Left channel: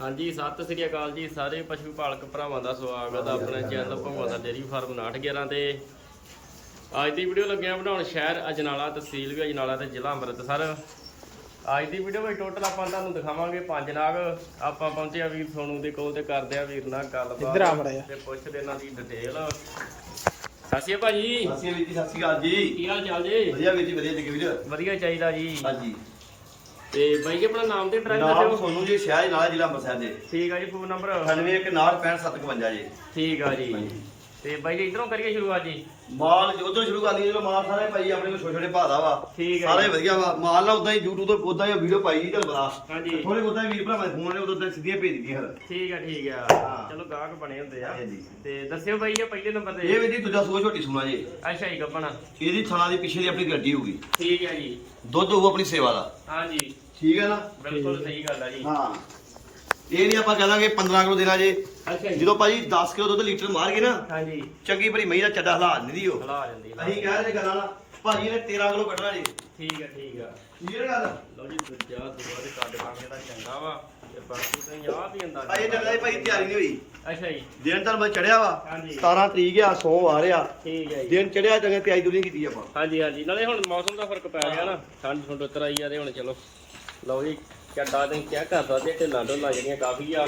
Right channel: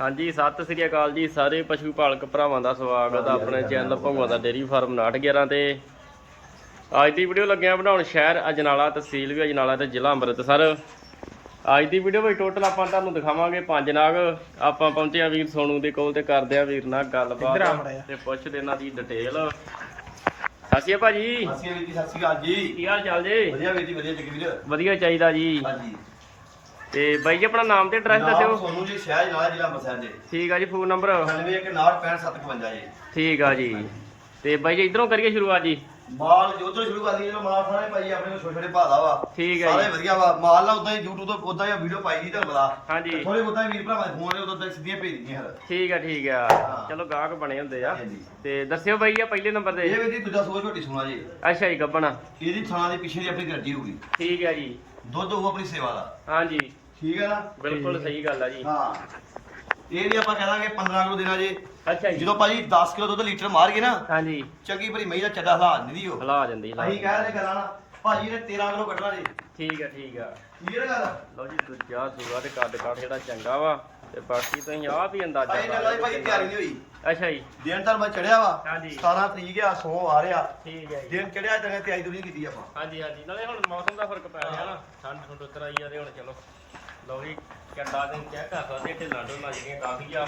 ਹਾਂਜੀ ਸਤਿ ਸ੍ਰੀ ਅਕਾਲ ਜੀ ਸਾਰੇ ਪਸ਼ੂ ਪਾਲਕ ਭਰਾਵਾਂ ਦਾ ਸਵਾਗਤ ਆ ਆਪਣੇ ਚੈਨਲ ਭੰਗਵਾ ਦਾ ਡੇਰੀ ਫਾਰਮ 911 ਤੇ। ਅੱਜ ਦੀ ਵੀਡੀਓ ਲੱਗਿਆ ਬਣਾਉਣ ਸ਼ਹਿਰ ਅਜਨਾਲਾ ਤਹਿਸੀਲ ਵੀ ਅਜਨਾਲਾ ਤੇ ਜ਼ਿਲ੍ਹਾ ਅੰਮ੍ਰਿਤਸਰ। ਅੱਜ ਦੀ ਵੀਡੀਓ ਵਿੱਚ ਟੋਟਲ ਆਪਾਂ ਤੁਹਾਨੂੰ ਦਿਖਾਵਾਂਗੇ ਪੰਜ ਨਾਗ। ਆਪਾਂ ਪਹੁੰਚੇ ਆ ਵੀਰ ਸੋਨੂ ਦੇ ਕੋਲ ਤੇ ਕਰਦੇ ਆ ਵੀਰ ਨਾਲ ਇੱਧਰ ਆ ਮਾੜਾ ਗੱਲਬਾਤ। ਤੇ ਪੁੱਛਦੇ ਇਹਨਾਂ ਦੀ ਡਿਟੇਲ ਸਾਸੀਆ ਭਾਜੀ। ਸਤਿ ਸ਼੍ਰੀ ਅਕਾਲ ਜੀ ਸਤਿ ਸ਼੍ਰੀ ਅਕਾਲ ਜੀ। ਕੀ ਹਾਲ ਚਾਲ ਜੀ? ਵਧੀਆ ਵੀਰ ਜੀ ਵਧੀਆ ਜੀ ਵੀਰ। ਵਧੀਆ ਚਾਹੀਦਾ ਜੀ। ਹਾਂਜੀ। ਤੇ ਬਾਈ ਜੀ ਆਪਣਾ ਨਾਮ ਤੇ ਐਡਰੈਸ ਨਾਮ ਦੱਸਿਓ ਸੋਨੂੰ ਜੀ ਸ਼ਹਿਰ ਨਾਲ ਜ਼ਿਲ੍ਹਾ ਅੰਮ੍ਰਿਤਸਰ ਦੇ। ਠੀਕ ਆ ਜੀ ਫੋਨ ਨੰਬਰ 9165655751 ਜੀ। ਠੀਕ ਆ ਜੀ। ਤੇ ਬਾਈ ਜੀ ਇਧਰੋਂ ਕਰੀਏ ਸ਼ੁਰੂਆਤ ਜੀ। ਮਾਲ ਉਧਰ ਸ਼ੁਰੂ ਕਰ ਲਈਏ ਮਾਲ ਸਾਰੇ ਭਾਈ ਆਪਣੇ ਕੋਲ ਛੋਟੇ ਛੋਟੇ ਭਾਦਾ ਵਾ। ਠੀਕ ਹੈ ਸਾਰੇ ਜੀ। ਵਧੀਆ ਵਾ। ਮਾਲ ਨਾ ਉਦਾਂ ਹੀ YouTube ਤੋਂ ਉਦਾਂ ਹੀ ਵੀਡੀਓ ਪਾਈ ਜੀ ਤੁਹਾਨੂੰ ਪਤਾ। ਹਾਂਜੀ। ਥੋੜੇ ਬਹੁਤਾ ਵੀਰ ਭਰਾਵਾਂ ਦੇ ਫੋਨ ਨੇ ਉਦੋਂ ਤਾਂ ਸਿੱਧੀਆਂ ਭੇਜ ਦਿੱਤੀਆਂ। ਫਿਰ ਠੀਕ ਆ ਠੀਕ ਆ। ਹਾਂ। ਚਲੋ ਗਾਹਕ ਬਣੇ ਹੁੰਦੇ ਆ। ਹਾਂਜੀ। ਤੇ ਦੱਸਿਓ ਬਾਈ ਆ ਪਹਿਲੇ ਨੰਬਰ ਇਹ ਤੇ ਵੀ ਜੀ ਦੂਜਾ ਸੂਆ ਝੋਟੀ ਸੁਣਾ ਜੀ। ਅੱਛਾ ਜੀ ਗੱਪਣਾ ਇਹਦੀ ਥਾਂ ਦੇ ਪਿੱਛੇ ਦੀ ਆਪਣੀ ਗੱਡੀ ਹੋਊਗੀ ਠੀਕ ਆ ਜੀ। ਦੁੱਧ ਹੋਊ ਆਪਣੀ ਸੇਵਾ ਦਾ। ਹਾਂਜੀ। ਠੀਕ ਹੈ ਨਾ? ਬਿਲਕੁਲ ਸਹੀ ਗੱਲ ਆ ਜੀ। ਹਾਂ। ਇਹ ਨਹੀਂ ਆਪਾਂ ਕਹਾਂਗੇ 15 ਕਿਲੋ ਦੇਣਾ ਜੇ। ਅੱਛਾ ਜੀ। ਜਦੋਂ ਭਾਜੀ 10 ਕਿਲੋ ਦੁੱਧ ਲੀਟਰ ਮਾਰ ਗਏ ਨਾ ਹਾਂਜੀ। ਚੰਗੀ ਭਲੀ ਮਹੀਂ ਦਾ ਚੱਡਾ ਹਲਾ ਨਹੀਂ ਦਿਓ ਲਾ ਜਾਂਦੀ ਲਾ। ਅਸੀਂ ਕਹਿ ਰਹੇ ਗੱਲਾਂ ਨਾ ਭਾਜੀ ਨੇ 13 ਕਿਲੋ ਕੱਢਣਾ ਜੀ। ਠੀਕ ਆ ਠੀਕ ਆ। ਕਲੀਅਰ ਗੱਲ ਲਓ ਜੀ ਦੂਜਾ ਦੂਆ ਤੇ ਕੱਦ ਕੱਦ ਜਿਹੜਾ ਚੰਗਾ ਵਾ ਤੇ ਬਾਕੀ ਤੁਸੀਂ ਆਪ ਹੀ ਅੰਦਾਜ਼ਾ ਭਾਈ ਜੰਗਲ ਦੀ ਭਾਜੀ ਤਿਆਰੀ ਨਹੀਂ ਹੋਈ। ਅੱਛਾ ਜੀ। ਦਿਨ ਤਾਂ ਬਸ ਚੜਿਆ ਵਾ। ਹਾਂਜੀ। 17 ਤਰੀਕ ਆ 100 ਆ ਰਿਹਾ। ਠੀਕ ਹੈ ਜੀ। ਦਿਨ ਚੜਿਆ ਜਗ੍ਹਾ ਤਿਆਰੀ ਦੁਰੀ ਕੀਤੀ ਆਪਾਂ। ਹਾਂਜੀ ਹਾਂਜੀ। ਨਾਲੇ ਹੁਣ ਮੌਸਮ ਦਾ ਫ਼ਰਕ ਪੈ ਗਿਆ ਨਾ। ਠੰਡ ਠੰਡ ਉਤਰ ਆਈ ਆ ਤੇ ਹੁਣ ਚਲੋ। ਲਓ ਜੀ ਚੱਡਾ ਤੇ ਚੈੱਕ ਕਰ ਸਕਦੇ ਢਿੱਲਾਂ ਢੋਲਾਂ ਜਿਹੜੀਆਂ ਕਾਫੀ ਆ।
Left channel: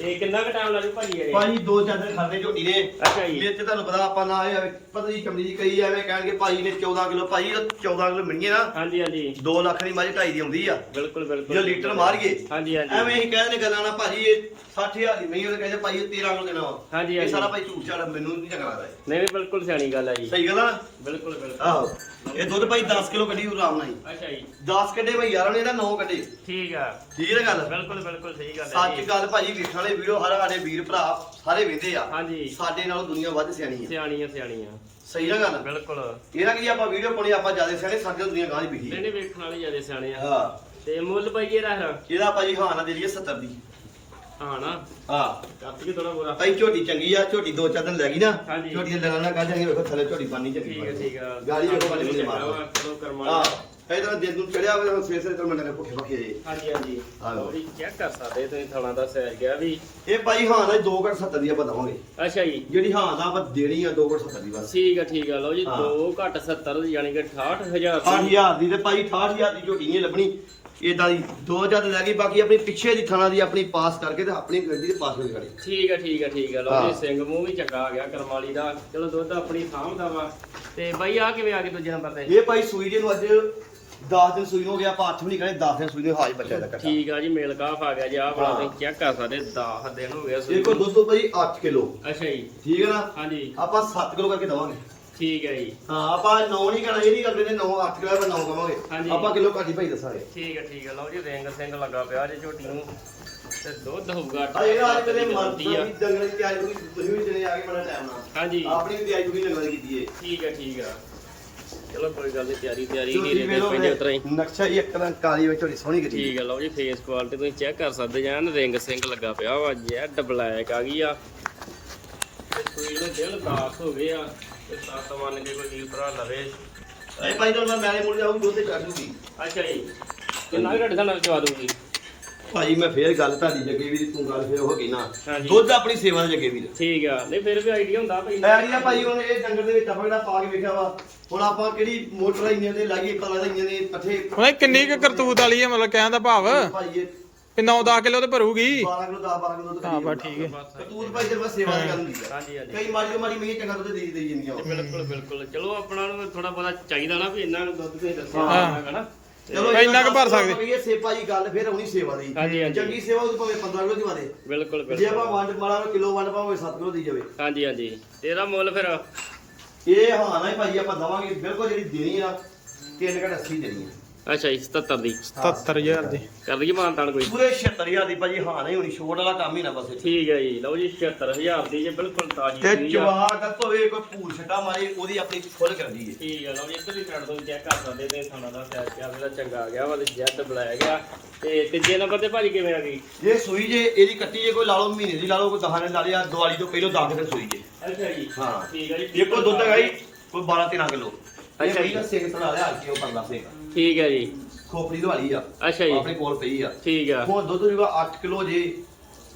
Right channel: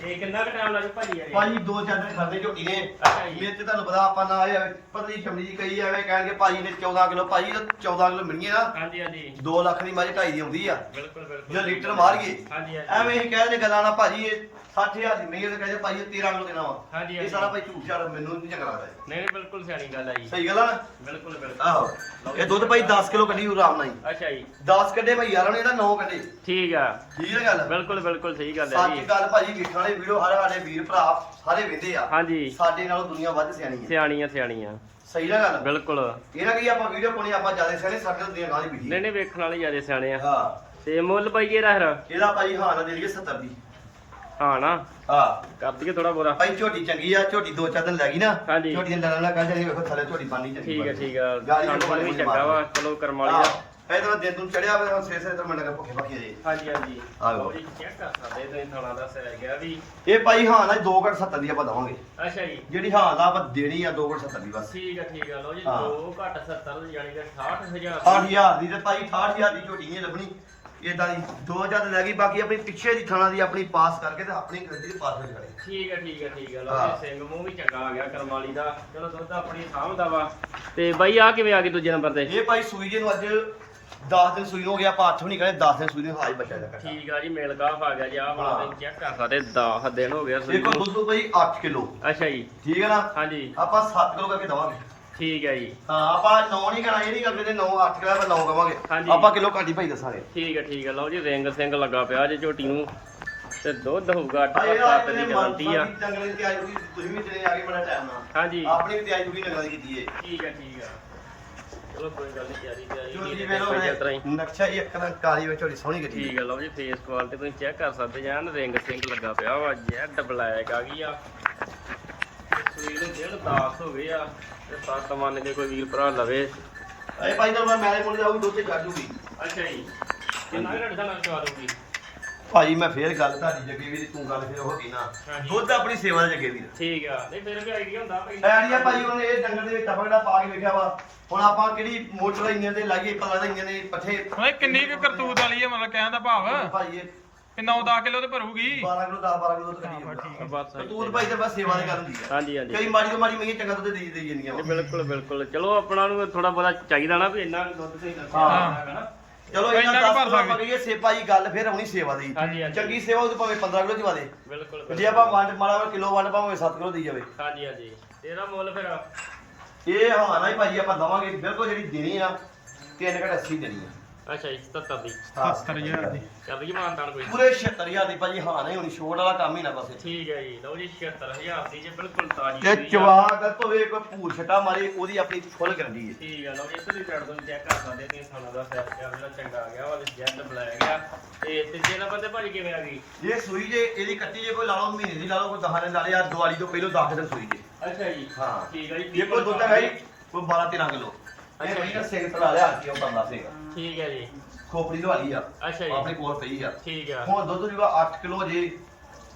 ਇਹ ਕਿੰਨਾ ਕੁ ਟਾਈਮ ਲੱਗੂ ਭਾਜੀ ਇਹ? ਭਾਜੀ ਦੋ ਚਾਰ ਦਿਨ ਖਾਦੇ ਝੋਟੀ ਨੇ। ਅੱਛਾ ਜੀ। ਮੇਰੇ ਤੇ ਤੁਹਾਨੂੰ ਪਤਾ ਆਪਾਂ ਨਾ ਇਹ ਪਤਲੀ ਚਮੜੀ ਦੀ ਕਈ ਐਵੇਂ ਕਹਿਣਗੇ ਭਾਜੀ ਨੇ 14 ਕਿਲੋ ਭਾਜੀ 14 ਕਿਲੋ ਮਿਲਣਗੇ ਨਾ। ਹਾਂਜੀ ਹਾਂਜੀ। 2 ਲੱਖ ਦੀ ਮਾਰੀ ਢਾਈ ਦੀ ਆਉਂਦੀ ਆ। ਬਿਲਕੁਲ ਬਿਲਕੁਲ। ਜੇ ਲੀਟਰ ਮਾਰੀਏ ਹਾਂਜੀ ਹਾਂਜੀ। ਐਵੇਂ ਹੀ ਕਹਿੰਦੇ ਗੱਲਾਂ ਨਾ ਭਾਜੀ ਇਹ 60000 ਦੀ ਮਹੀਂ ਉਹਨੇ ਕਹਿੰਦੇ ਭਾਈ ਇਹ 13 ਕਿਲੋ ਦੇਣਾ ਵਾ। ਹਾਂਜੀ, ਇਹ ਹਾਂਜੀ। ਸਾਰਾ ਭਾਈ ਝੂਠ ਝਾੜ ਮੈਨੂੰ ਨਹੀਂ ਚੰਗਾ ਲੱਗਦਾ ਇਹ। ਨਹੀਂ ਨਹੀਂ ਬਿਲਕੁਲ ਸਿਆਣੀ ਗੱਲ ਜੀ। ਸਹੀ ਗੱਲ ਆ ਨਾ? ਬਿਲਕੁਲ ਬਿਲਕੁਲ। ਆਹੋ। ਇਹ ਦੁੱਧ ਭਾਈ 10 ਕਿਲੋ ਕੱਢੀ ਉਹ ਆਰਾਮ ਨਾਲ ਹੀ। ਅੱਛਾ ਜੀ। 10 ਕੱਢੇ ਭਾਈ ਯਾਰ ਨੇ ਇਹਦਾ 9 ਕੱਢੇ। ਠੀਕ ਆ। ਠੀਕ ਹੈ ਗੱਲ? ਬਿਲਕੁਲ ਬਿਲਕੁਲ ਸਹੀ ਗੱਲ ਹੈ ਸੱਚ ਜੀ। ਗੱਲ ਭਾਜੀ ਵੇਖਣ ਵਾਲੇ ਵੀਡੀਓ ਹਰ ਸਾਡੇ ਵੀਰ ਭਰਾ ਸਾਰੇ ਵੇਖਦੇ ਆ। ਹਾਂਜੀ। ਸਾਡੇ ਨਾਲੋਂ ਦੁਨੀਆ ਵੱਧ ਸਿਆਣੀ ਹੈ ਸਿਆਣੀਆਂ ਸਿਆਣੀਆਂ। ਸਹੀ ਨਾ ਗੱਲ? ਬਿਲਕੁਲ। ਇਹਦਾ ਕੀ ਆਪਾਂ ਵੀਡੀਓ ਪਾਉਣੀ ਆਪਾਂ ਜ਼ਿਆਦਾ ਸਿਆਣੇ ਸਾਡੇ ਦੁਨੀਆ ਗਾਂ ਦੀ ਨਹੀਂ ਨਹੀਂ ਵੇਖਣ ਵਾਲੇ ਜ਼ਿਆਦਾ ਸਿਆਣੇ ਆ। ਹਾਂ। ਤੇ ਮੁੱਲ ਪਾਈਏ ਰਹਿ ਇਹਦਾ ਭਾਜੀ ਹਾਂ ਨਾ ਦੇ ਲਈਏ 70 ਦੀ। ਹਾਂ ਨਾ। ਹਾਂ। ਕਰ ਦਈਏ ਥੋੜਾ ਬੋਰਾ। ਭਾਈ ਝੋਟੀ ਚੰਗੀ ਆ ਝੋਟੀ ਦੋ ਚਾਰ ਦਿਨ ਲੈ ਗਈ ਨਾ। ਹਾਂਜੀ। ਝੋਟੀ ਦੇ ਲੜਨ ਨਾਲ ਕੱਢ ਜਾਣੀ ਵੇਖੋ ਥੱਲੇ ਝੋਟੀ ਪਾਣੀ ਚੰਗੀ ਠੀਕ ਹੈ ਠੀਕ ਆ। ਗਾਲੀ ਵੇਖੋ ਬਣੀ ਬਣੀ ਚੰਗਾ ਵਾ ਚਲੋ ਕਰਮ ਵਾਲੀ ਆ। ਇਹ ਤਾਂ ਦਿਨ ਨੂੰ ਚੜਿਆ ਹੋਵੇ ਹੁਣ ਸਵੇਰ ਸਵੇਰ ਤੋਂ ਮੈਨੂੰ ਲੱਗਾ ਭੁੱਖੇ ਭੱਖੇ ਜੇ। ਹਾਂਜੀ ਹਾਂਜੀ। ਆਹੋ। ਜੀ ਚੈੱਕ ਕਰ ਸਕਦੇ ਤੁਸੀਂ ਥਾਣਾ ਦਾ ਸਿਆ ਗਿਆ ਵੀ। ਇਹ ਭਾਈ ਹਾਂ ਨਾ 2 ਘੱਟ 70 ਦੀ ਆਪਾਂ ਦਵਾਂਗੇ। ਅੱਛਾ ਜੀ। ਜਿਹੜੀ ਹਾਂ ਦਾ ਆਪਾਂ ਦੇਣੀ ਆ 2 ਘੱਟ 70 ਦੀ ਬਸ। ਠੀਕ ਆ ਠੀਕ ਆ ਲਓ ਜੀ ਹਾਂ। 2 ਘੱਟ 70 ਯਾਨੀ ਕਿ 68000 8000 ਦੀ। ਤੇ ਭਾਈ 68000 ਦੀ ਝੋਟੀ ਨਹੀਂ ਲੱਭਣੀ। ਇਦਾਂ ਦੀ 2000 ਲੈ ਗਈ ਬਾਕੀ ਆਪਣੀ ਪਿੱਛੇ ਦੀ ਥਾਣਾ ਦੀ ਆਪਣੀ ਪਾਸ ਕਰਕੇ ਤੇ ਆਪਣੀ ਗੱਡੀ ਦੇ ਪਾਸ ਹੋ ਜਾਣੀ ਠੀਕ ਆ ਠੀਕ ਆ ਠੀਕ ਲਓ ਹਾਂ। ਜੀ ਸਿੰਘ ਮੂੰਹ ਵੀ ਚੰਗਾ ਆ ਗਿਆ ਕਰਮਾਲੀ ਦਾ। ਚਲੋ ਦੁੱਧ ਆਪਣੀ ਸਾਂਭਦਾ ਵਾ। ਤੇ ਬਾਈ ਆ ਕਿਵੇਂ ਆ ਗਈ ਦੂਜੇ ਨੰਬਰ ਤੇ? ਇਹ ਭਾਈ ਸੂਈ ਦੇ ਨੂੰ ਅੱਜ 10 ਦਿਨ ਸੂਈ ਨੂੰ ਹੋ ਗਿਆ ਆਪਾਂ 8 ਵੀ ਨਹੀਂ ਕਹਿੰਦੇ 10 ਦਿਨ ਸੂਈ ਦੇ ਹਾਜ ਬੱਚਾ ਦਾ ਕੱਟਾ। ਠੀਕ ਆ ਜੀ ਮੇਲ ਕਾਫ ਆ ਗਿਆ ਜੀ ਆ ਬੜਾ ਹਾਂ। ਚੈੱਕ ਕਰ ਸਕਦੇ 10 ਦਿਨ ਹੋ ਗਏ ਸੂਈ ਦੇਖੋ ਨੂੰ। ਦੁੱਧ ਭਾਈ 8 ਕਿਲੋ। ਅੱਛਾ ਜੀ। ਠੀਕ ਹੈ ਨਾ? ਹਾਂਜੀ। ਆਪਾਂ 7 ਕਿਲੋ ਕਰਕੇ ਦਵਾਂਗੇ। ਠੀਕ ਹੈ ਜੀ। ਹਾਂ ਆਪਾਂ 9 ਨਹੀਂ ਕਰਾਂ ਇਹ ਨਹੀਂ ਕਰਦੇ ਨੇ 9 8 ਕਿਲੋ ਆਪਾਂ 9 ਕਵਾਂਗੇ। ਹਾਂਜੀ। ਆਪਾਂ ਕਿਲੋ ਘੱਟ ਭਾਈ ਦੱਸਾਂਗੇ ਠੀਕ ਹੈ ਠੀਕ ਹੈ ਲਓ ਜੀ ਰਿੰਗ ਸਿੰਘ ਲੱਗਾ ਪਿਆ ਜੇ ਝੋਟੀ ਨੂੰ। ਤੇ ਦੁੱਧ ਹੋਊਗਾ ਆ ਇਹ ਅੱਠ ਆਪਣੇ ਦੀ ਗਾਰੰਟੀ ਆ। ਦੀ ਜੰਗਲ ਦੀ ਤਿਆਰੀ ਪੂਰੀ ਤੁਸੀਂ ਵੀ ਦਿਨੇ ਆ ਕੇ ਬੜਾ ਟਾਈਮ ਨਾਲ। ਹਾਂਜੀ। ਆਪਣੀ ਵੀ ਤਿਆਰੀ ਪੂਰੀ ਲਗਾ ਕੀਤੀ ਏ। ਠੀਕ ਹੈ ਠੀਕ ਹੈ। ਚਲੋ ਕੋਈ ਗੱਲ ਨਹੀਂ ਤਿਆਰੀ ਤਿਆਰੀ ਝੋਟੀ ਨਹੀਂ ਵੇਲੋ ਪਈ ਉਤਰਾ ਹੀ। ਨਕਸ਼ਾ ਹੀ ਇੱਕ ਤਰ੍ਹਾਂ ਕਾਲੀ ਵਿੱਚ ਥੋੜੀ ਸੋਹਣੀ ਕੀਤੀ ਠੀਕ ਹੈ ਲਓ ਜੀ ਫੇਸ ਕੁਆਲਿਟੀ ਤੁਸੀਂ ਚੈੱਕ ਕਰ ਸਕਦੇ ਜਾਂ ਰਿੰਗ ਸਿੰਘ ਲੱਗਾ ਪਿਆ ਵਾ ਜੈਡ ਬਲੈਕ ਆ ਗਈ ਆ। ਸੂਈ ਨੂੰ ਦਿਲ ਦਾਸ ਹੋ ਗਏ ਆ ਤੇ ਸੱਤ ਮੰਨ ਕੇ ਕੋਈ ਵੀਰ ਭਰਾ ਲਵੇ ਇਹ ਭਾਈ ਮੈਂ ਮੇਰੇ ਮੁੰਡੇ ਆਉਂ ਦੁੱਧ ਤੇ ਛੱਡ ਦੂਗੀ। ਅੱਛਾ ਜੀ। ਕਿੰਨਾ ਘੱਟ ਦਾ ਨਾਲ ਜਵਾ ਦੂੰਗੀ ਭਾਈ ਮੈਂ ਫੇਰ ਗੱਲ ਤੁਹਾਡੀ ਜੱਗੇ ਵੀਰ ਤੂੰ ਗੱਲ ਫੇਰ ਹੋ ਗਈ ਨਾ। ਹਾਂਜੀ। ਦੁੱਧ ਆਪਣੀ ਸੇਵਾ ਦੇ ਜੱਗੇ ਵੀਰ ਠੀਕ ਆ। ਨਹੀਂ ਫਿਰ ਵੀ ਆਈਡੀਆ ਹੁੰਦਾ ਭਈ। ਐਰੀਆ ਭਾਈ ਉਹਨੇ ਇਹ ਡੰਗਰ ਦੇ ਵਿੱਚ ਆਪਾਂ ਜਿਹੜਾ ਪਾ ਕੇ ਵੇਖਿਆ ਵਾ? ਹੁਣ ਆਪਾਂ ਕਿਹੜੀ ਮੋਟਰ ਇੰਨੀਆਂ ਤੇ ਲਾਈਏ ਪਤਾ ਲੱਗਦਾ ਇੰਨੀਆਂ ਦੇ ਪੱਠੇ। ਓਏ ਕਿੰਨੀ ਕੁ ਕਰਤੂਤ ਵਾਲੀ ਹੈ ਮਤਲਬ ਕਹਿਣ ਦਾ ਭਾਵ? ਭਾਈ ਇਹ ਕਿ 9-10 ਕਿਲੋ ਤੇ ਭਰੂਗੀ। 12 ਕਿਲੋ 10 12 ਕਿਲੋ ਦੁੱਧ ਹਾਂ, ਬਸ ਠੀਕ ਹੈ। ਤੂੰ ਭਾਈ ਤੇ ਬਸ ਸੇਵਾ ਦੀ ਗੱਲ ਹੁੰਦੀ ਆ। ਹਾਂਜੀ ਹਾਂਜੀ। ਕਈ ਤੋਂ ਮਾੜੀ ਮਹੀਨੇ ਚੰਗਾ ਦੁੱਧ ਦੇ ਦੇ ਜਾਂਦੀਆਂ ਵਾ। ਬਿਲਕੁਲ ਬਿਲਕੁਲ। ਚਲੋ ਆਪਣਾ ਨੂੰ ਥੋੜਾ ਬਹੁਤਾ ਚਾਹੀਦਾ ਨਾ ਵੀ ਇੰਨਾ ਕੁ ਦੁੱਧ ਤੁਸੀਂ ਦੱਸਿਆ ਹਾਂ। ਹੋਣਾ ਹੈ ਨਾ। ਚਲੋ ਇੰਨਾ ਕੁ ਭਰ ਸਕਦੇ। ਇਹ ਸੇਪਾ ਜੀ ਗੱਲ ਫੇਰ ਆਉਣੀ ਸੇਵਾ ਦੀ ਹਾਂਜੀ, ਹਾਂਜੀ। ਚੰਗੀ ਸੇਵਾ ਉਹ ਭਾਵੇਂ 15 ਕਿਲੋ ਚਵਾ ਦੇ ਬਿਲਕੁਲ ਜੇ ਬਿਲਕੁਲ ਆਪਾਂ ਵੰਡ ਮਾੜਾ ਕਿਲੋ ਵੰਡ ਪਾਵੇਂ 7 ਕਿਲੋ ਦੀ ਜਾਵੇ। ਹਾਂਜੀ ਹਾਂਜੀ। ਤੇਰਾ ਮੁੱਲ ਫਿਰ। ਇਹ ਹਾਂ ਨਾ ਹੀ ਭਾਈ ਆਪਾਂ ਦਵਾਂਗੇ। ਬਿਲਕੁਲ ਜਿਹੜੀ ਦੇਣੀ ਆ ਤਿੰਨ ਘਟ 80 ਦੇਣੀ ਆ। ਅੱਛਾ ਜੀ 77 ਦੀ। 77000 ਦੀ। ਕਰ ਲਈਏ ਮਾਨਤਾਨ ਕੋਈ? ਪੂਰੇ 76000 ਦੀ ਭਾਜੀ ਹਾਂ ਨਹੀਂ ਹੋਣੀ ਛੋਟ ਵਾਲਾ ਕੰਮ ਹੀ ਨਾ ਬਸ ਠੀਕ ਹੈ ਜੀ ਲਓ ਜੀ 76000 ਦੀ ਜੇ ਬਿਲਕੁਲ ਤਾਜ਼ੀ ਤੇ। ਜਵਾਕ ਹੋਵੇ ਕੋਈ ਭੂਰ ਛਟਾ ਮਾਰੇ ਉਹਦੀ ਆਪਣੀ ਖੁੱਲ ਕਰਦੀ ਹੈ। ਠੀਕ ਹੈ ਲਓ ਜੀ ਇੱਧਰ ਦੀ ਸਾਈਡ ਤੋਂ ਚੈੱਕ ਕਰ ਸਕਦੇ ਤੇ ਖਾਣਾ ਦਾ ਸੈਟ ਕਿਆ ਜਿਹੜਾ ਚੰਗਾ ਆ ਗਿਆ ਵਾ ਤੇ ਜੈਡ ਬੁਲਾਇਆ ਗਿਆ। ਤੇ ਤੀਜੇ ਨੰਬਰ ਤੇ ਭਾਜੀ ਕਿਵੇਂ ਆ ਗਈ? ਜੇ ਸੂਈ ਜੇ ਇਹਦੀ ਕੱਟੀ ਜੇ ਕੋਈ ਲਾ ਲਓ ਮਹੀਨੇ ਦੀ ਲਾ ਲਓ ਕੋਈ ਦਹਾਂ ਨੇ ਲਾ ਲਿਆ ਦਿਵਾਲੀ ਤੋਂ ਪਹਿਲਾਂ 10 ਦਿਨ ਸੂਈ ਜੇ। ਅੱਛਾ ਜੀ ਹਾਂ। ਠੀਕ ਹੈ ਜੀ ਇਹ ਕੋਈ ਦੁੱਧ ਹੈਗਾ ਜੀ ਕੋਈ 12 13 ਕਿਲੋ। ਅੱਛਾ ਅੱਛਾ ਜੀ। ਜੀ ਨਾ ਸੇਲ ਤਲਾ ਲਿਆ ਕਿ ਉਹ ਪਰਲਾ ਸੇ ਠੀਕ ਹੈ ਜੀ। ਖੋਪੜੀ ਦਵਾਲੀ ਆ। ਅੱਛਾ ਜੀ। ਆਪਣੇ ਕੋਲ ਪਈ ਆ। ਠੀਕ ਆ। ਹੁਣ ਦੁੱਧ ਜਿਹੜਾ 8 ਕਿਲੋ ਜੇ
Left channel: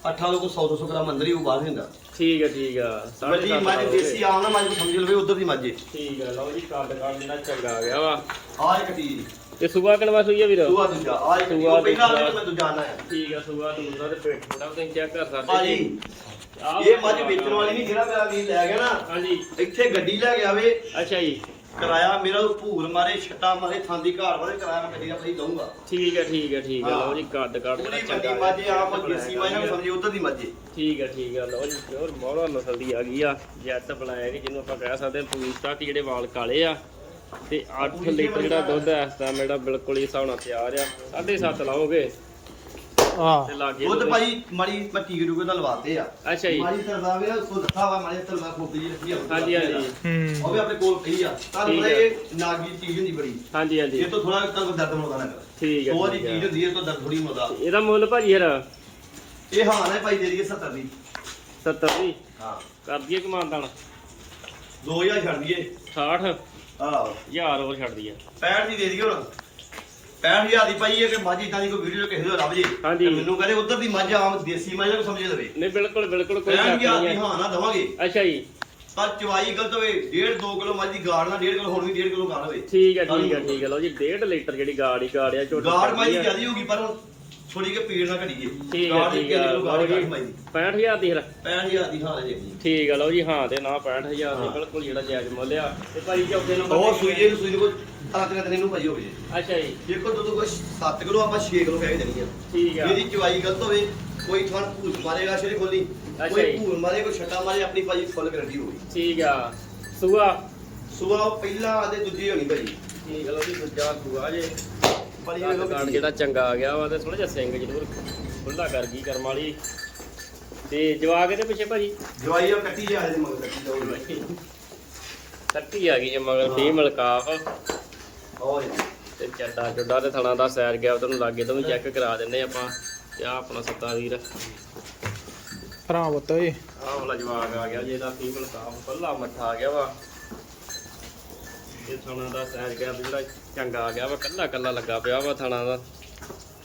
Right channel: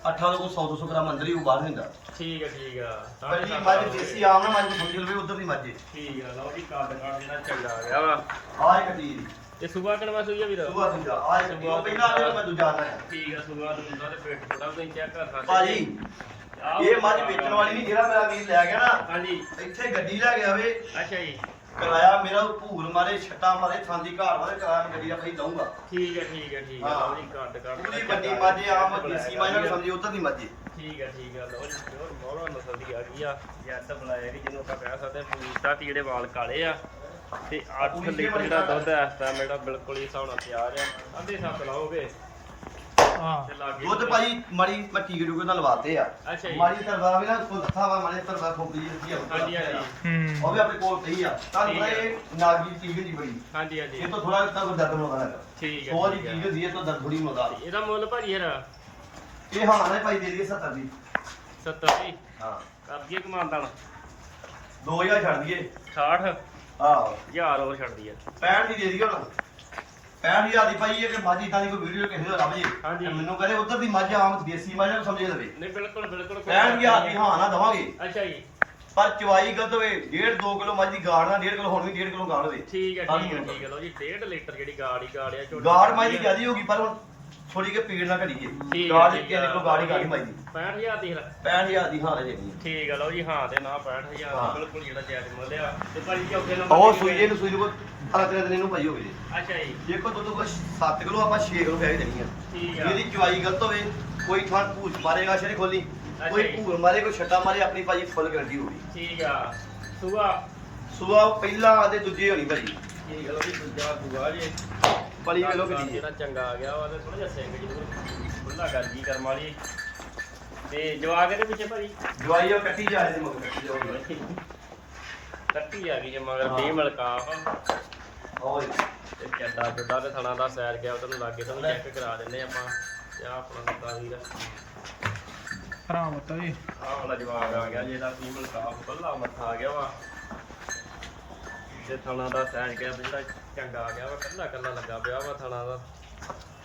8 ਤੋਂ 100 200 ਗ੍ਰਾਮ ਅੰਦਰ ਹੀ ਉਹ ਬਾਹਰ ਨਹੀਂ ਹੁੰਦਾ। ਠੀਕ ਹੈ ਠੀਕ ਆ। ਸਾਢੇ ਵੱਡੀ ਸੱਤ ਮੱਝ ਹੋ ਦੇਸੀ ਆਮ ਨਾ ਮੱਝ ਨੂੰ ਸਮਝ ਲਵੇ ਉਧਰ ਦੀ ਮੱਝ ਏ। ਠੀਕ ਆ ਲਓ ਜੀ ਕੱਦ ਕੱਦ ਜਿਹੜਾ ਚੰਗਾ ਆ ਗਿਆ ਵਾ। ਆਹ ਇੱਕ ਚੀਜ਼। ਇਹ ਸੁਬਾ ਕਿਨਵਾ ਸੂਈ ਆ ਵੀਰ? ਦੂਆ ਦੂਜਾ ਆਹ ਇੱਕ ਚੀਜ਼। ਉਹ ਪਹਿਲਾਂ ਜਿਹੜਾ ਮੈਂ ਦੂਜਾ ਆਣਾ ਹੈ। ਠੀਕ ਆ ਸੁਬਾ ਦੂਜਾ ਤੇ ਪੇਟ ਥੋੜਾ ਤੁਸੀਂ ਚੈੱਕ ਕਰ ਸਕਦੇ ਭਾਜੀ ਆਹ ਇਹ ਮੱਝ ਵੇਚਣ ਵਾਲੀ ਨਹੀਂ ਜਿਹੜਾ ਮੇਰਾ ਵੀਰ ਲੈ ਗਿਆ ਨਾ ਹਾਂਜੀ। ਇੱਥੇ ਗੱਡੀ ਲੈ ਗਿਆ ਵੇ। ਅੱਛਾ ਜੀ। ਕਿਰਾਇਆ ਮੇਰਾ ਉਹ ਭੂਰ ਮਾਰੇ ਛੱਟਾ ਮਾਰੇ ਥਾਂਦੀ ਘਾੜ ਵਾਲੇ ਕਿਰਾਇਆ ਮੈਂ ਗੱਡੀ ਆਪਣੀ ਲਊਂਗਾ ਠੀਕ ਹੈ ਠੀਕ ਹੈ ਠੀਕ ਹੈ। ਲਓ ਜੀ ਕੱਦ ਕੱਦ ਪੂਰੀ ਵੱਡੀ ਮੱਝ ਆਪ ਦੇਸੀ ਮੱਝ ਨਾਲ ਸਮਝੀ ਉਧਰ ਦੀ ਮੱਝ। ਠੀਕ ਹੈ ਠੀਕ ਹੈ। ਲਓ ਜੀ ਪਿਓਰ ਬਹੁਤ ਨਸਲ ਦੀ ਆ ਗਈ ਆ। ਜੈਟ ਬਲੈਕ ਜਿਹਨੂੰ ਆਪਾਂ ਕਹਿ ਸਕਦੇ ਪੂਰੀ ਸਟਾਕ ਜਿਹੜੇ ਵਾਲ ਕਾਲੇ ਆ। ਤੇ 8 ਲੀਟਰ ਜਿਹੜਾ ਦੁੱਧ ਹੈ ਇਸ ਟਾਈਮ ਜਿਹੜਾ ਬਿਲਕੁਲ ਹੀ ਹਿਸਾਬ ਨਾਲ ਤਿਆਰ ਆ। 7.5 ਲਾਓਗੇ। ਆਹ ਤੇ ਲਾਗੇ ਦੁੱਧ ਭਾਜੀ ਮਾੜੀ ਮੈਂ ਟੀਕੇ ਟੂਕੇ ਨਾਲ ਲਵਾਤੇ ਆ। ਅੱਛਾ ਜੀ। ਮਾੜੀ ਤਰਵਾ ਵੀ ਨਾ ਸੋ ਦੱਸਾ ਵਾ ਮਾੜੀ ਤਰਵਾ ਖੋਪੀ ਜੀ ਰੱਖੀ ਆ ਹਾਂਜੀ ਹਾਂਜੀ। ਹੂੰ। ਉਹ ਵੀ ਆਪਣੇ ਕੋਲ ਪਈ ਆ। ਤੁਹਾਨੂੰ ਠੀਕ ਪਤਾ ਹੈ। ਇਹ ਨਾਗੀ ਚੀਜ਼ ਹੁੰਦੀ ਬੜੀ। ਹਾਂਜੀ ਹਾਂਜੀ। ਇਹ ਤੋਂ ਥੋੜਾ ਤੁਹਾਨੂੰ ਦਰਦ ਮੋਦਾ ਨਾ। ਠੀਕ ਹੈ ਸੋ ਦੀ ਠੀਕ ਹੈ। ਚੀਜ਼ ਹੁੰਦੀ ਹੈ ਇਹ ਤੋਂ ਦਰਦ ਥੋੜੀ ਮੋਦਾ ਤੇ ਇਹਦਾ ਮੁੱਲ ਭਾਜੀ ਯਾਰ ਇਹ ਹਾਂ ਨੇ ਭਾਈ ਦੇ ਦਈਏ 70 ਦੀ। 70 ਦੀ? ਹਾਂ। ਕਰ ਦਈਏ ਕਮਾਨਦਾਨ 2000 ਛੱਡ ਦਈਏ। 60 ਆਹੋ। ਹਜ਼ਾਰ ਉਹ ਛੱਡਦੀ ਆ 65 ਦੀ ਦੇ ਦਈਏ ਹੁਣ। 65000 ਦੀ ਭਾਈ ਇਹ ਕਿ ਮੱਝ ਇਦਾਂ ਦੀ ਕੋਈ ਵੀਡੀਓ ਕਿਸੇ ਤੋਂ ਲੱਭ ਜੇ ਹਾਂਜੀ। ਤੇ ਮੈਨੂੰ ਕਹੇ ਉਧਰ ਦੀ ਮੱਝ ਆਮ ਦੇਸੀ ਮੱਝ ਨੂੰ ਸਮਝ ਲਵੇ ਨਹੀਂ ਬਿਲਕੁਲ ਬਿਲਕੁਲ ਕੋਈ 65000 ਸ਼ੱਕ ਦੀ ਹਾਂ ਨਾ ਦਵਾਂਗੇ ਹੈ। ਅੱਛਾ ਜੀ ਪਰ ਚਵਾਈ ਗਲਤ ਹੋਵੇ 1.5 2 ਕਿਲੋ ਮੱਝ ਦੀ ਗਾੜ ਨਾਲ 1.5 ਕਿਲੋ ਹੁਣ ਵੀ 1.5 ਕਿਲੋ ਗਾੜ ਹੋਵੇ ਠੀਕ ਹੈ ਠੀਕ ਹੈ। ਠੀਕ ਹੈ ਲਓ ਜੀ 1.5 ਲੀਟਰ ਜਿਹੜੀ ਗਾੜੀ ਗਾੜਿਆ ਝੋਟੀ ਗਾੜ ਮਾਈ ਦੀ ਜਿਆਦੀ ਹੋਗੀ ਪਰ ਹੁਣ ਥੋੜੀ ਕਿ ਪੀੜ ਨਾ ਠੀਕ ਗਾੜ ਹੈ ਦੀ ਠੀਕ 3 ਕਿਲੋ ਗਾੜ ਹੀ ਹੈ ਘਟੀ ਮਾਈ ਦੀ 65000 ਦੀ ਫਿਰ। 65000 ਦੀ ਹਾਂ ਦੇ ਦੇਣੀ ਠੀਕ ਹੈ ਲਓ ਜੀ ਹਾਂ ਤੇ ਨਾ 65000 ਦੀ ਹਾਂ। ਬਿਲਕੁਲ ਜਿਹੜਾ ਜਾਇਜ਼ ਮੁੱਲ ਆ। ਤੇ ਭਾਈ ਚੌਥੇ ਨੰਬਰ ਸੂਈ ਜੇ ਨੂੰ ਸੂਈ ਨੂੰ ਤਾਂ ਤੇਰੇ ਦਿਨ ਨੂੰ ਭਾਈ ਹੋਵੇ। ਅੱਛਾ ਜੀ। ਦੇਖੋ ਦੁੱਧ ਕੋਈ 7 ਕਿਲੋ ਆਪਾਂ 6 ਕਿਲੋ ਕਹਿ ਦੇਣੀ ਆ। ਠੀਕ ਆ। ਇਹਦੀ ਚਵਾਈ ਗਲਤ ਹੋਵੇ ਕੋਈ ਥਾਂ ਭੂਸ ਮਾਰੇਗਾ ਸ਼ਰੀ ਖੋਲੀ ਕੋਈ ਜੀ। ਭੂਰ ਮਾਰੇ ਕੋਈ ਛੱਟਾ ਮਾਰੇ ਆਪਣੀ ਭਾਜੀ ਫੁੱਲ ਗਰੰਟੀ ਹੋਊਗੀ। ਠੀਕ ਆ। ਸੂਆ? ਸੁਬਾ ਪਹਿਲਾਂ ਆਦੇ ਦੂਜੀ ਹੋਣੀ ਭਾਜੀ। ਠੀਕ ਆ ਲਓ ਜੀ ਦੂਜਾ ਸੂਆ ਜੇ। ਕਿਲੋ ਕੱਦ ਘਟੀ ਜਿਹੜਾ ਚੰਗਾ ਆ ਗਿਆ ਵਾ ਤੇ ਥੋੜਾ ਜਿਹਾ ਸਿੰਘ ਜ਼ਰੂਰ ਬੰਦਾ ਕਰ ਗਈ ਕਰਮ ਵਾਲੀ। ਤੇ ਜਵਾਗ ਇਹਦੇ ਪਿੱਛੇ ਭਾਜੀ? ਜਵਾਈ ਉਹ ਕੱਟੀ ਜਾਏ ਦੇ ਮਗਰ ਕੱਟੀ ਜਾਊਗੀ ਕੱਟੀ ਆ ਗਈ ਜੇ ਮਗਰ ਫੀਮੇਲ ਕਾਫ ਉਹ ਤੇ ਚੱਡਾ ਚੁੱਡਾ ਤੇ ਥਣਾ ਦਾ ਸੈਰ ਗਿਆ ਤੁਹਾਨੂੰ ਲਾਗੇ ਤੋਂ ਚੈੱਕ ਕਰਾ ਦਿੰਦੇ ਆਪਾਂ ਤੇ ਆ ਆਪਣਾ ਸੱਤਾ ਵੀਰ। ਭਰਾ ਓਏ। ਆਹ ਵਾਲਾ ਜਵਾਗ ਆ ਗਿਆ ਜੇ ਇਹਦਾ ਫੀਮੇਲ ਕਾਫ ਪੱਲਾ ਮੱਥਾ ਆ ਗਿਆ ਵਾ। ਤੇ ਥਣਾ ਦਾ ਸੈਰ ਗਿਆ ਜਿਹੜਾ ਚੰਗਾ ਆ ਗਿਆ ਵਾ ਕੱਲਾ ਕੱਲਾ ਲੱਗਾ ਪਿਆ ਵਾ ਥਣਾ ਦਾ।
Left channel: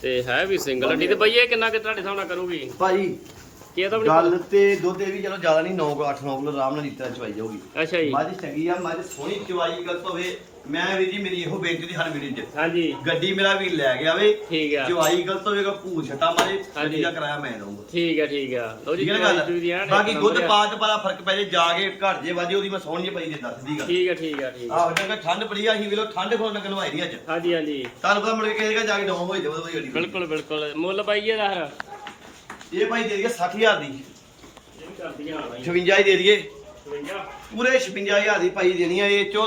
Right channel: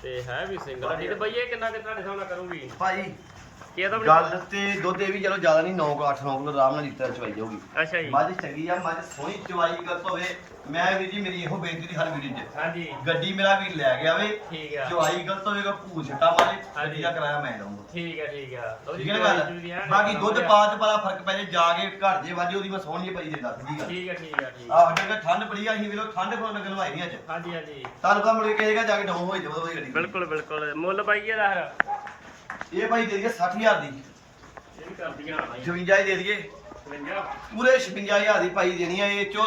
ਤੇ ਹੈ ਵੀ ਸਿੰਗਲ ਹੱਡੀ ਤੇ ਬਈ ਇਹ ਕਿੰਨਾ ਕਿ ਤੁਹਾਡੇ ਸਾਹਮਣੇ ਕਰੂਗੀ? ਭਾਜੀ ਕੀ ਇਹਦਾ ਵੀ ਗੱਲ ਤੇ ਦੁੱਧ ਇਹ ਵੀ ਚਲੋ ਜ਼ਿਆਦਾ ਨਹੀਂ 9 ਕਿਲੋ 8 9 ਕਿਲੋ ਆਰਾਮ ਨਾਲ ਲੀਟਰ ਚਵਾਈ ਜਾਊਗੀ। ਅੱਛਾ ਜੀ। ਮੱਝ ਚੰਗੀ ਆ ਮੱਝ ਸੋਹਣੀ ਚਵਾਈ ਗਲਤ ਹੋਵੇ ਮੈਂ ਵੀਰ ਜੀ ਮੇਰੀ ਇਹੋ ਬੇਨਤੀ ਦੀ ਹਰ ਵੀਰ ਜੀ। ਹਾਂਜੀ। ਗੱਡੀ ਮੇਰਾ ਵੀ ਲੈ ਗਿਆ ਵੇ। ਠੀਕ ਆ। ਚਵਾਈ ਗਲਤ ਹੋਵੇਗਾ ਭੂਰ ਛੱਟਾ ਮਾਰੇ ਹਾਂਜੀ। ਗੱਡੀ ਦਾ ਕਿਰਾਇਆ ਮੈਂ ਦਊਂਗਾ। ਠੀਕ ਆ ਠੀਕ ਆ। ਲਓ ਜੀ ਠੀਕ ਹੈ ਨਾ quality ਵੀ ਗੱਲ ਐਨ ਬਾਕੀ ਇੱਕ ਦੁੱਧ number ਆ। ਪਾ ਚ ਬੜਾ ਫ਼ਰਕ ਪੈ ਜੇ ਜਾ ਕੇ ਘਰ ਜੇ ਵਾਜੀ ਉਹਦੀ ਮੈਂ ਜੇ ਪਈ ਦੇ ਦੱਸ ਦੀ ਗੱਲ। ਠੀਕ ਆ ਠੀਕ ਆ ਠੀਕ ਆ। ਆਹ ਕਹਿੰਦਾ ਠੰਡ ਪੜੀ ਆ ਅਸੀਂ ਵੇਲੋ ਠੰਡ ਕੋਲ ਨਗਨ ਵਾਈ ਨਹੀਂ ਅੱਜ। ਹਾਂਜੀ ਹਾਂਜੀ। ਤੁਹਾਨੂੰ ਪਤਾ ਮੁੜ ਕੇ ਕਹੇਗਾ ਜਾ ਕੇ ਡਾਊਨ ਹੋਈ ਜਾਵੇ ਉਹਦੀ ਗੱਡੀ। ਬਿਲਕੁਲ ਬਿਲਕੁਲ। ਮੁੱਲ ਪਾਈਏ ਦਾ ਇਹ ਭਾਈ ਦੇ ਦਈਏ 60000 ਦੀ। ਇਹ ਕਰਦੀਆਂ ਆਣਾ 56 ਹੀ ਦੇ ਦਈਏ। 52 ਪੂਰੇ 56000 ਦੀ ਭਾਈ ਦੇਣੀ ਆ ਇਹ ਚੋ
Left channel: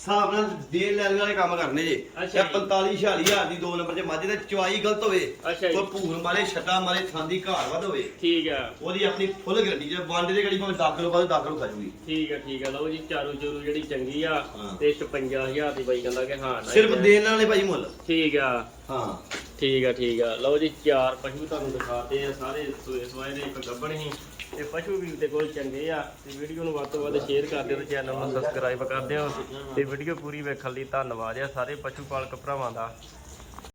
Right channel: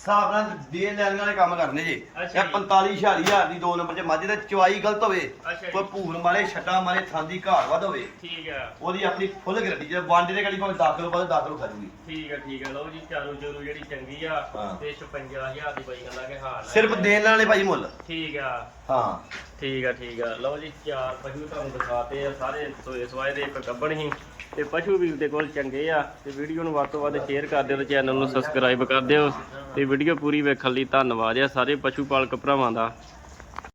ਹਿਸਾਬ ਨਾਲ ਦੇ ਲੈਣ ਵਾਲੇ ਕੰਮ ਕਰਨੇ ਜੇ। ਅੱਛਾ ਇਹ 45 46000 ਦੀ ਦੋ ਨੰਬਰ 'ਚ ਮੱਝ ਤੇ ਚਵਾਈ ਗਲਤ ਹੋਵੇ ਅੱਛਾ ਜੀ। ਕੋਈ ਭੂਰ ਮਾਰੇ ਛੱਟਾ ਮਾਰੇ ਥਾਂਦੀ ਘਾੜ ਵੱਧ ਹੋਵੇ। ਠੀਕ ਆ। ਉਹਦੀ ਆਪਣੀ ਫੁੱਲ ਗਰੰਟੀ ਜੇ ਵਾਂਡੇ ਦੇ ਗੜੀ ਭਾਵੇਂ ਦਾਖਲ ਬਾਅਦ ਦਾਖਲ ਖਾ ਜੂਗੀ। ਠੀਕ ਆ ਠੀਕ ਆ। ਲਓ ਜੀ ਚਾਰੂ ਚੂਰੂ ਜਿਹੜੀ ਚੰਗੀ ਆ ਹਾਂ। ਤੇ 56000 ਦੀ ਬਾਈ ਕਹਿੰਦਾ ਕਿ ਹਾਂ ਸਿਰਫ ਦੇਣ ਵਾਲੇ ਭਾਈ ਮੁੱਲ। ਠੀਕ ਆ। ਹਾਂ। ਠੀਕ ਆ ਠੀਕ ਆ। ਲਓ ਜੀ, ਚਾਰ ਪਸ਼ੂ ਤੁਹਾਨੂੰ ਦਿਖਾਤੇ ਆ, ਸਾਰੇ ਸੋਏ ਸਵਾਏ ਦੇ ਇੱਕ ਗੱਬਣ ਹੀ ਤੇ ਪਸ਼ੂ ਵੀਰ ਦੇ ਕੋਲ ਚੰਗੇ ਆ। ਤੇ ਵੀਡੀਓ ਨੂੰ ਵੱਧ ਤੋਂ ਵੱਧ ਸ਼ੇਅਰ ਕਰ ਦਿਓ ਤੇ ਚੈਨਲ ਨੂੰ ਸਬਸਕ੍ਰਾਈਬ ਕਰ ਦਿਓ। ਤੇ ਵੀਡੀਓ ਪੂਰੀ ਵੇਖਣ ਲਈ ਧੰਨਵਾਦ ਆ ਸਾਰੇ ਪਸ਼ੂ ਪਾਲਕ ਭਰਾਵਾਂ ਦਾ।